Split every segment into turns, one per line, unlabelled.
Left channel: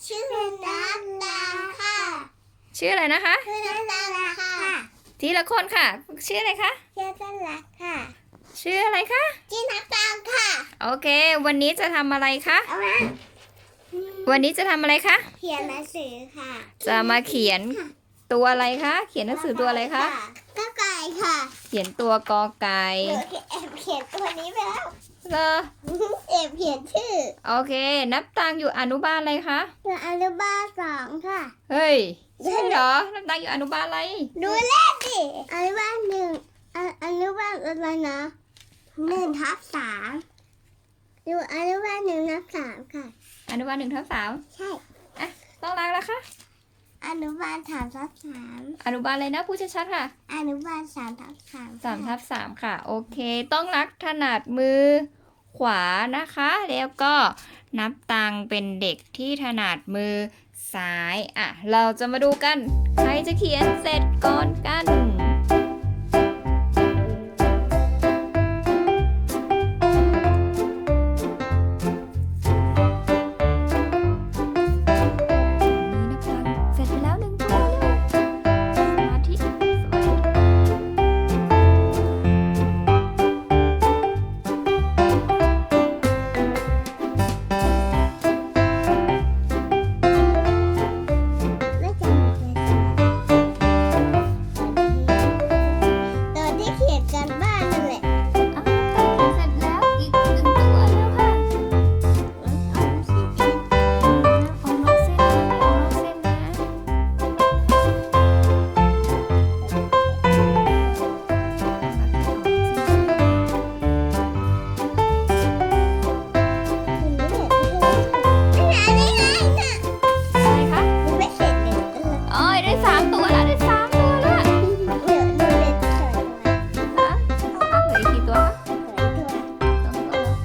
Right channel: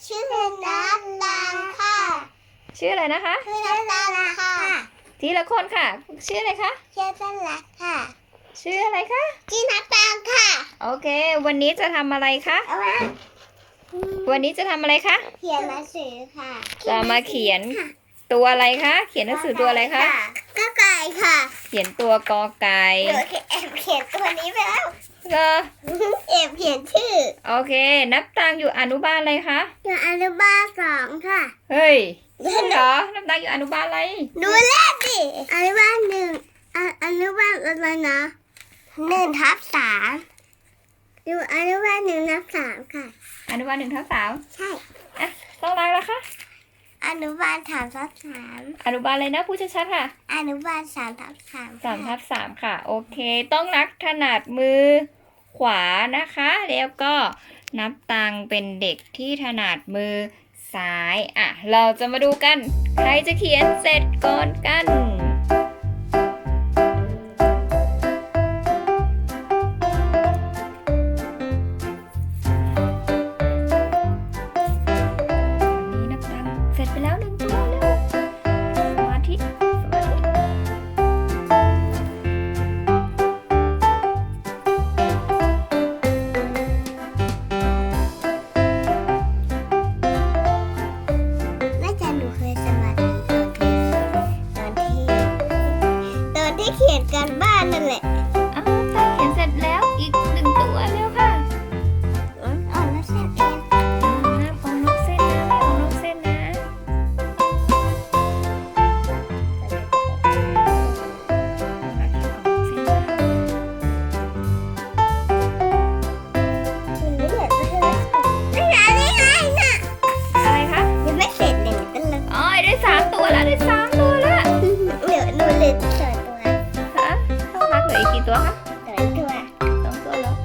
ชื่อน้ำตาลค่ะ
ชื่ออะไรนะคะ
ชื่อน้ำตาลค่ะ
ทีละคนค่ะ ชื่ออะไรคะ
ชื่อต้นรักค่ะ
ชื่ออะไรคะ
ชื่อน้ำตาลค่ะ
โอเค วันนี้จะทำอะไรคะ
เอามา
วันนี้จะทำอะไรคะ
เขียนหนังสือค่ะ
จะมาเขียนตัวอะไรคะ เขียนหนังสือตัวอะไรคะ
ก็ไก่ค่ะ
เขียนตัวกอไก่
หนูแอบเขียนตัวนี้ไปแล้ว
ก็
แอบเขียนชื่อ
โอเค นับตังอยู่อนุบาลอะไรคะ
อยู่อนุบาล2ค่ะ
เฮ้ยใช่เหรอ นับตังอยู่อนุบาลอะไร
ดูเลขดิอนุบาล1อนุบาลอะไรนะ1/3อยู่อนุบาล1/3ค่ะ
อนุบาล1/3
ใช่
อ่ะต้องรักแล้วคะ
อนุบาล3/3
อนุบาลอะไรนะพูดชัดๆค่ะ
อนุบาล3/3
3/3ค่ะ โอเค ต้องรักถนัดมือขวานะคะ แล้วก็นับตังเป็นเด็กที่ถนัดมือซ้ายอ่ะเราจะมาดูกัน ใครจะเขียนเสร็จก่อนกันวันนี้นับตังเสร็จไปแล้ว1 ตัวเร็วสมาธิสมาธิ
แม่จันหนูเคยสมาธิตอนที่เขียนการบ้านนั่นแหละ
อ้าวตาเขียนเสร็จแล้วอีก1 ตัวเร็วค่ะ
อ่านแล้วเสร็จเอง
ออกนอกเส้นนะไม่ออกนอกเส้นนะต้องรักเขียนออกนอกเส้นนะ
คุณไม่เห็นไม่เห็นนี่ไงน่ะ
อะไรคะ
ยังไม่เสร็จเลยตั้งเลย
อ๋อได้3 ตัวแล้วได้3 ตัวแล้ว
เดี๋ยวหนูเลยเสร็จตัว
ฮะต้องรักเหลืออีกกี่ตัวคะ
เสร็จตัว
2 ตัวแล้ว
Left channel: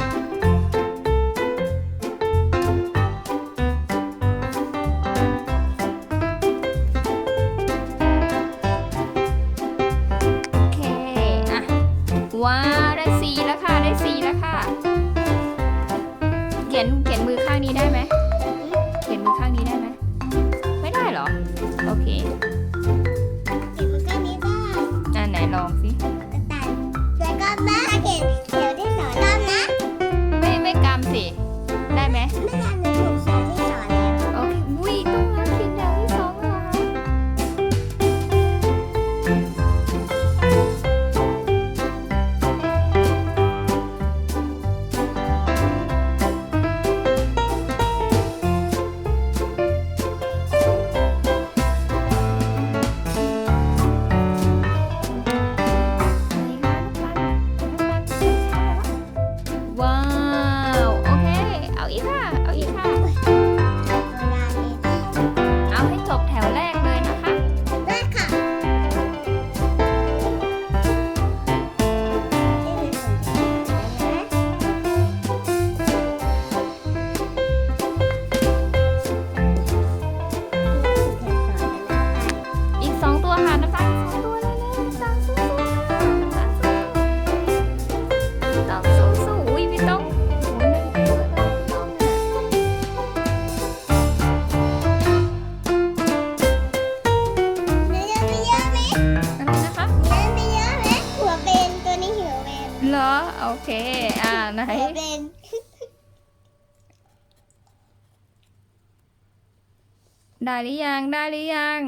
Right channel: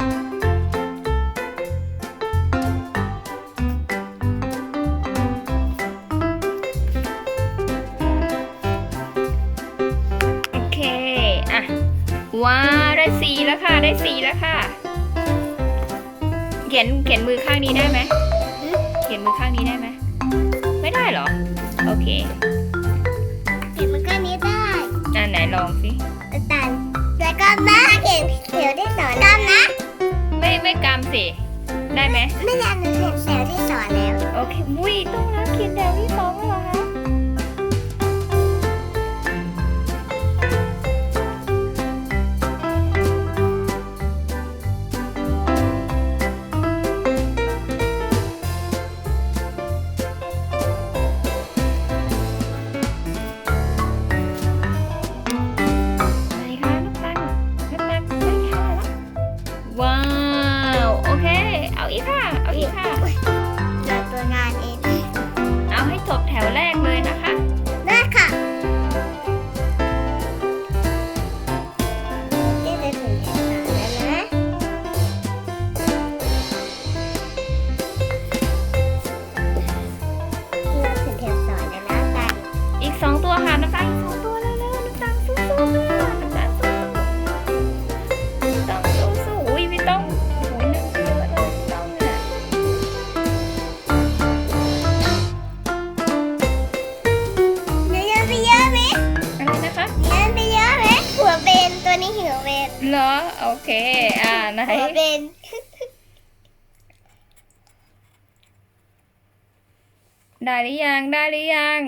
โอเคอ่ะว้าวได้4แล้วค่ะได้4แล้วค่ะเขียนมือข้างนี้ได้ไหมเขียนมือข้างนี้ได้ไหมไม่ได้เหรอโอเค
เขียนมันก็นี้ได้
ไหนลองสิ
ตัดแล้วก็มาเขียนเขียวที่สอนตามนะ
ไม่กำสิได้ไหม
ไม่ยันเขียนเขียวที่สอนแล้ว
โอเคมุ้ยต้องรักเขียนแถวที่2แล้วเหรอคะไหนคะนับตังได้แค่ไหนแล้วว้าวโอเคเอาอีกค่ะเอาอีกค่ะ
มาตัวนานเอง
เอาให้จบแถวแรกเลยนะคะ
ได้ค่ะนี่คือสิ่งที่สอนแล้วนะเราคือเขียนสอนแล้วนะกัน
อีก2 ตัวค่ะน้ำตาลอีก2 ตัวเร็วๆน้ำตาลสู้ๆค่ะน้ำตาลสู้ๆต้องสู้ๆอุ้ยไม่ต้องโอ้ยนั่งเยอะเลยไม่ต้องเนี่ย
เนื้อไปเยอะไหม
อะไรนะคะ
เนื้อไปเยอะไหมหัวเบนตัวนี้หัวเบน
เหรอโอเคไหน
หัวเบน
ได้หรือยังได้หรือยัง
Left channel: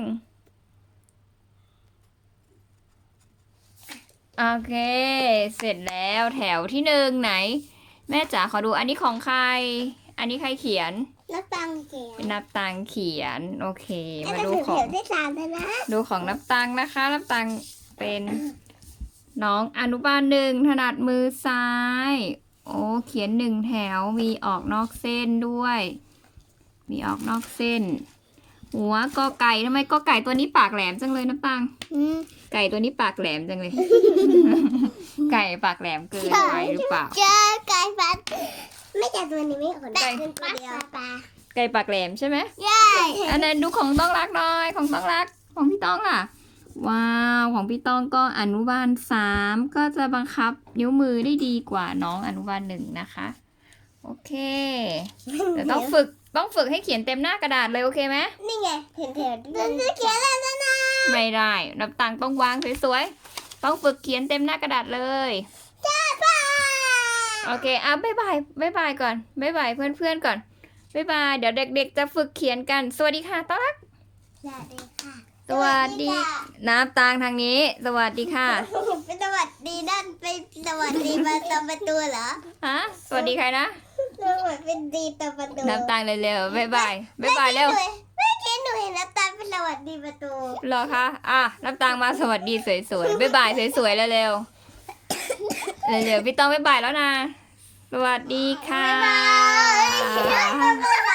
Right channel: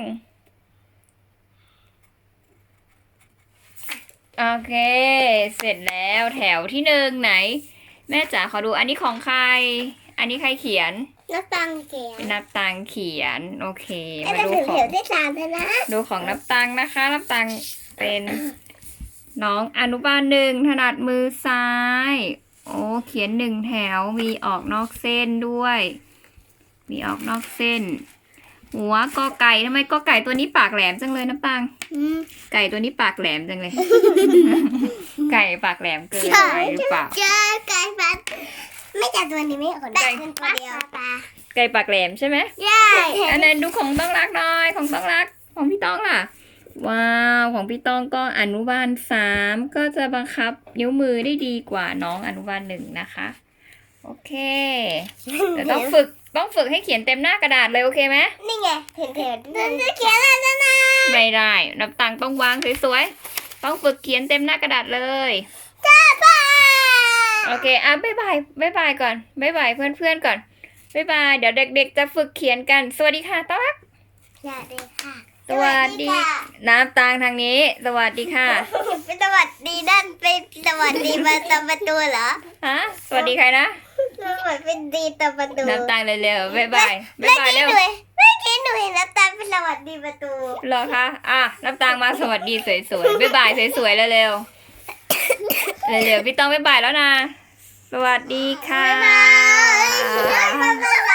โอเค เสร็จแล้วแถวที่1ไหน แม่จ๋าขอดูอันนี้ของใคร อันนี้ใครเขียน
นักตังเขียน
เป็นนับตังเขียนโอเค มาดู
ถึง
ขอ
เขี
ง
ยวที่3แล้วนะ
ดูของนับตังนะคะ นับตังเป็นน้องอนุบาล1ถนัดมือซ้าย โอ้เขียน1 แถวมีออกนอกเส้นด้วย มีออกนอกเส้น หัวกอไก่ทำไมกอไก่ตัวนี้ปากแหลมจังเลยน้ำตังไก่ตัวนี้ปากแหลมจังเลย ไก่ปากแหลมเกินไปหรือเปล่า
เจอไก่ฟันไม่จับตัวนี้ไม่ขนได้เป็นตัวเดียวปลา
ไก่ปากแหลมใช่ไหม
ใช่
อันนั้นดูของต้องรักหน่อยของต้องรักของพี่ต้องล่ะ ว้าวของพี่ต้องก็อนุบาล3ก็จะบังคับนิ้วมือได้ดีกว่าน้องอนุบาล1นะคะ โอเคแต่ต้องฝึกต้องฝึกให้เขียนเต็มหน้ากระดาษเลยโอเคไหม
นี่ไงเขียนจะเขียนอะไรนะ
ไม่ได้นับตังค์ต้องวางสวยๆต้องฝึกเขียนเต็มหน้ากระดาษเลย
จ้าป้า
โอเคอ่ะบ๊ายบายก่อนบ๊ายบายเพื่อนๆก่อนบ๊ายบายเดี๋ยวเด็กๆจะฝึกเขียนกันสวัสดีค่ะต้อนรับ
สวัสดีค่ะ
สวัสดีน้ำตาลทางนี้ สวัสดีค่ะ
เป็นสวัสดีด้านเป็นสวัสดีมาตามประตูเหรอ
ฮะสวัสดีใครนะ
สวัสดีเป็นดีตามประตู
น้ำตาลเร็วๆบ๊ายบายเร็ว
เมื่อกี้หนูเห็นน้ำตาลเป็นสวัสดีประตู
เหรอคะอ่ะน้ำตาลมาสวัสดีสวยๆบ๊ายบายสวยๆเร็วๆเร็วๆพี่ต้องบ๊ายบายแล้วนะสวัสดีค่ะ
บ๊ายบาย